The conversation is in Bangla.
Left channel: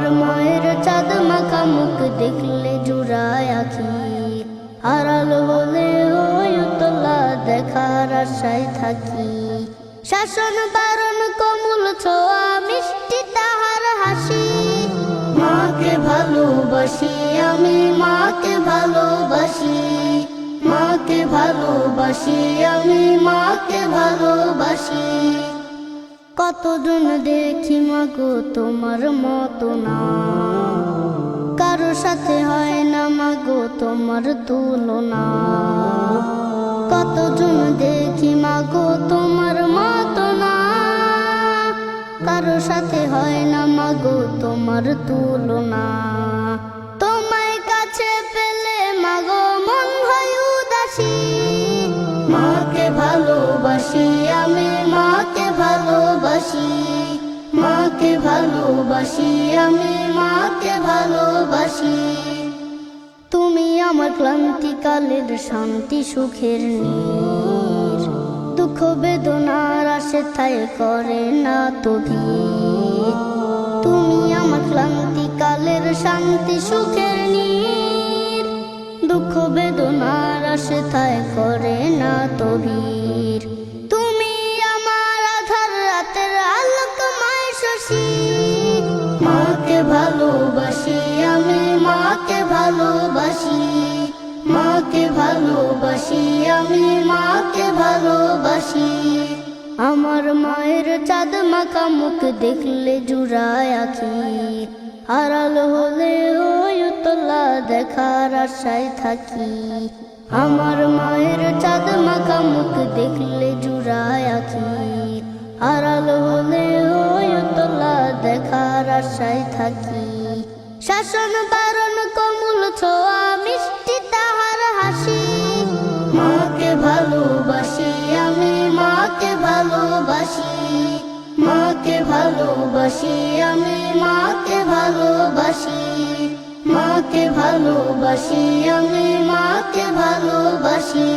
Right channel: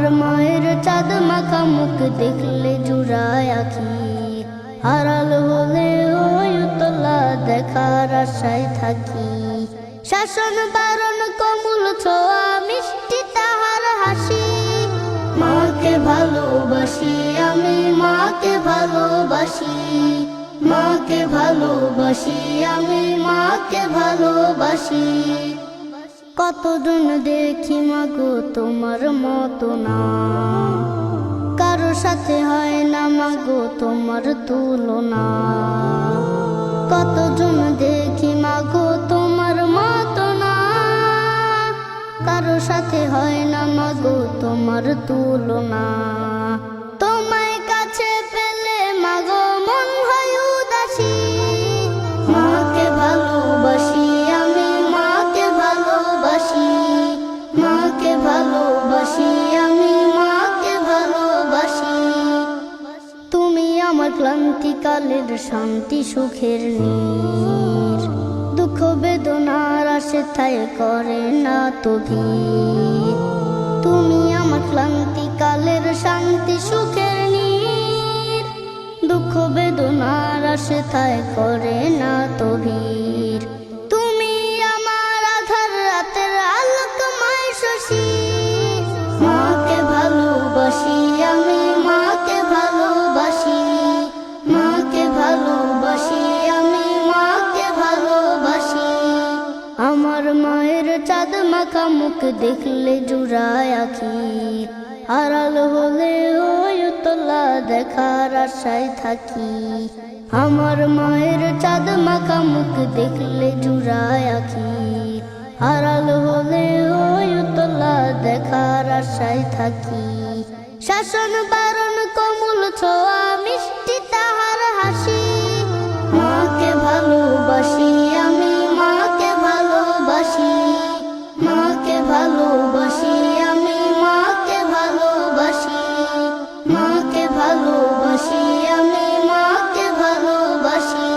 আমার মায়ের চাঁদ মাখা মুখ দেখলে জুড়ায় আখি, হারাল হলে ওই উতলা দেখার আশায় থাকি। শাসন বারণ কমল ছোঁয়া মিষ্টি তাহার হাসি, মাকে ভালোবাসি আমি মাকে ভালোবাসি, মাকে ভালোবাসি আমি মাকে ভালোবাসি। কতজন দেখি মাগো তোমার মতো না, কারো সাথে হয় না মাগো তোমার তুলনা। কতজন দেখি মাগো তোমার মতো না, কারো সাথে হয় না মাগো তোমার তুলনা। তোমায় কাছে পেলে মাগো মন হয় উদাসী, মাকে ভালোবাসি আমি মাকে ভালোবাসি, মাকে ভালোবাসি আমি মাকে ভালোবাসি। তুমি আমার ক্লান্তিকালের শান্তি সুখের নীর, দুঃখ বেদনার আসে ঠাই করে না তো ভিড়। তুমি আমার ক্লান্তিকালের শান্তি সুখের নীর, দুঃখ বেদনার আসে ঠাই করে না তো ভিড়। তুমি আমার আধার রাতের আলোকময় শশী, মাকে ভালোবাসি আমি মাকে ভালোবাসি, মাকে ভালোবাসি আমি মাকে ভালোবাসি। আমার মায়ের চাঁদ মাখা মুখ দেখলে জুড়ায় আখি, হারাল হলে ওই উতলা দেখার আশায় থাকি। আমার মায়ের চাঁদ মাখা মুখ দেখলে জুড়ায় আখি, হারাল হলে ওই উতলা দেখার আশায় থাকি। শাসন বারণ কমল ছোঁয়া মিষ্টি তাহার হাসি, মাকে ভালোবাসি আমি মাকে ভালোবাসি, মাকে ভালোবাসি আমি মাকে ভালোবাসি, মাকে ভালোবাসি আমি মাকে ভালোবাসি।